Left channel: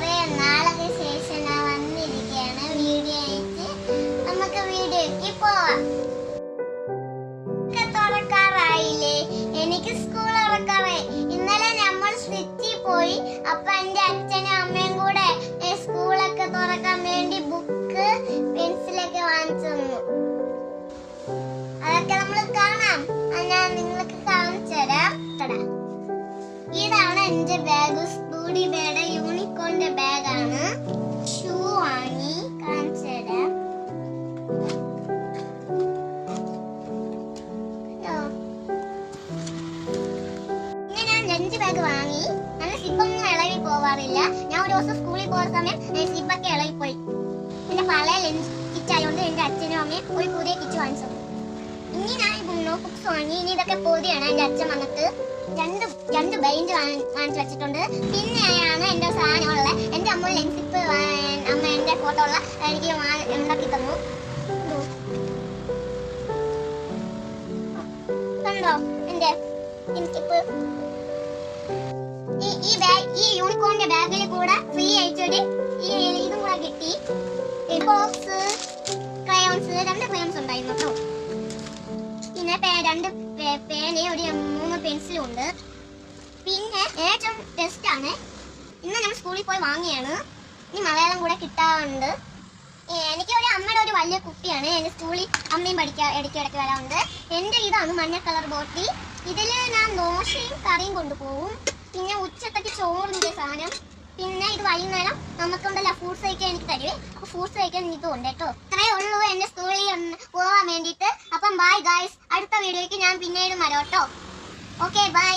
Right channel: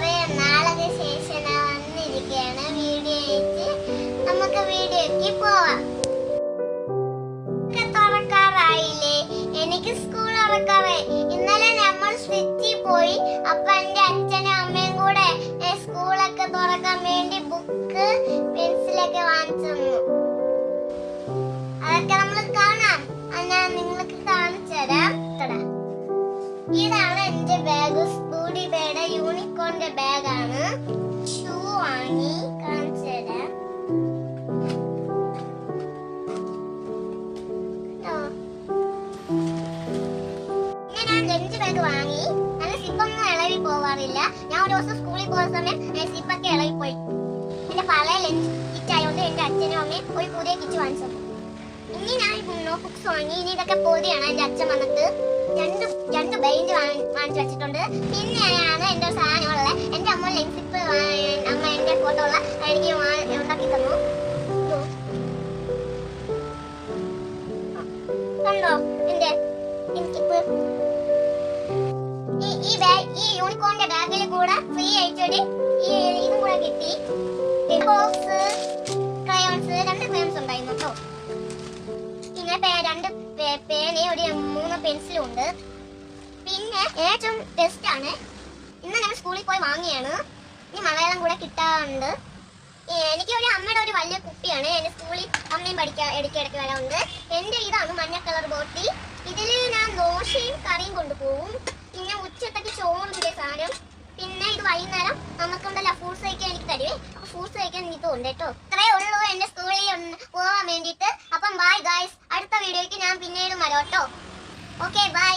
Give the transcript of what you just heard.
കുറെ നാളെ ശേഷം ഞാൻ വന്നിരിക്കുകയാണ് വീഡിയോ ആയിട്ട്. നമുക്ക് വീഡിയോക്ക് പോവാം. തുറക്കാറായില്ലേ? എനിക്ക് സ്കൂൾ തുറക്കാറായി. ഇന്നലെ നമ്മൾ സ്വിച്ചിൽ പോയി. അപ്പൊ എന്റെ അച്ഛനും അമ്മയും കൂടെ സ്കൂളൊക്കെ തുറക്കാൻ വേണ്ടി ബുക്ക് പെൻസിലൊക്കെ വാങ്ങിച്ചു തന്നു. അതൊക്കെ നമ്മൾ കാണാം. ഞാൻ നിങ്ങൾക്ക് കാണിച്ചു തരാം. ഇതാണ് എന്റെ ബാഗ്. സ്കൂളി ബാഗ്, യൂണിക്കോണിന്റെ ബാഗാണ്. ഷൂ വാങ്ങി കാണിച്ചു തരാം. ഞാൻ ലഞ്ച് ബാഗ് വാങ്ങി. നല്ല സിപ്പൊന്നും ഇളവി പോവാറില്ല. ഞാൻ ഒരു ദിവസം സ്കൂളിൽ പോകുന്ന സമയം സിപ്പൊക്കെ ഇളവിപ്പോയി. എന്റെ പഴയ ലഞ്ച് കിറ്റ് ആയതുകൊണ്ട് എന്റെ അച്ഛനും അമ്മയും ഒരു പുതിയ കിറ്റ് വാങ്ങിച്ചു. ഇനി ഞാൻ നോട്ട് ബുക്സ് വാങ്ങി. ഇനി ഇതൊക്കെ പൊതിയാണ്. എന്റെ അച്ഛൻ വന്നിട്ട് രണ്ട് ബെഞ്ച് വാങ്ങിച്ചു വെച്ചിട്ടുണ്ട്. പിന്നെയാണ് എന്റെ സാധനമുള്ള എന്റെ അമ്മ ലെൻസിപ്പ് അമ്മ എന്റെ ഫോട്ടോ ഉള്ള എനിക്ക് ഉണ്ടാക്കി തന്നു. കണ്ടോ എന്റെ ലെൻസിപ്പ്? ഈ യൂണിക്കോണിന്റെ ബാഗിൽ കൂടെ ഫ്രീ ആയിട്ടൊരു ഇതും കൂടെ കിട്ടി. ബോക്സ്, ക്രയോൺസ്, 2 ക്രയോൺസ് ഉണ്ടായിരുന്നു കേട്ടോ. പിന്നെ 2 പേന, ഒരു 3 പെൻസിലും ഉണ്ട്. പിന്നെ ഏറ്റവും ബെസ്റ്റ് ആണ്, ഇന്ന് നമ്മൾ സ്കൂളിൽ പോയി വാങ്ങിയാണ്. ഇനി മലയാളം കൂടെ കിട്ടാറുണ്ട്. എനിക്ക് അമ്മയുടെ ഒരു വലിയ കുപ്പിയാണ്. എന്റെ സ്കൂളിൽ അമ്മയും ഇടയ്ക്കിടയ്ക്ക് വരാറുണ്ട്. എന്റെ ഇതാണ് മഞ്ഞ കളർ ബോട്ടിൽ. ഇതിൽ ഞാൻ ദോശയും കറിയും കൊണ്ടുപോകും. പിന്നെ ഉച്ചത്തേക്ക് ചോറിന്റെ സാധനം. പിന്നെ ഇത് വൈകുന്നേരം നമുക്കുണ്ടല്ലോ ഫ്രൂട്ട്സ് കഴിക്കാൻ എനിക്ക് തരുവേ. അപ്പൊ ഫ്രൂട്ട്സ് കഴിക്കാൻ എനിക്ക് ഉണ്ട് കേട്ടോ. ഇത്രയേ ഉള്ളൂ എന്റെ സ്കൂളിൽ പോകാൻ വേണ്ടിയിട്ട്. അപ്പം ബൈ ഗൈസ്. അടുത്ത വീഡിയോയ്ക്ക് ഞാൻ പിന്നീട് വരാം കേട്ടോ. Okay bye.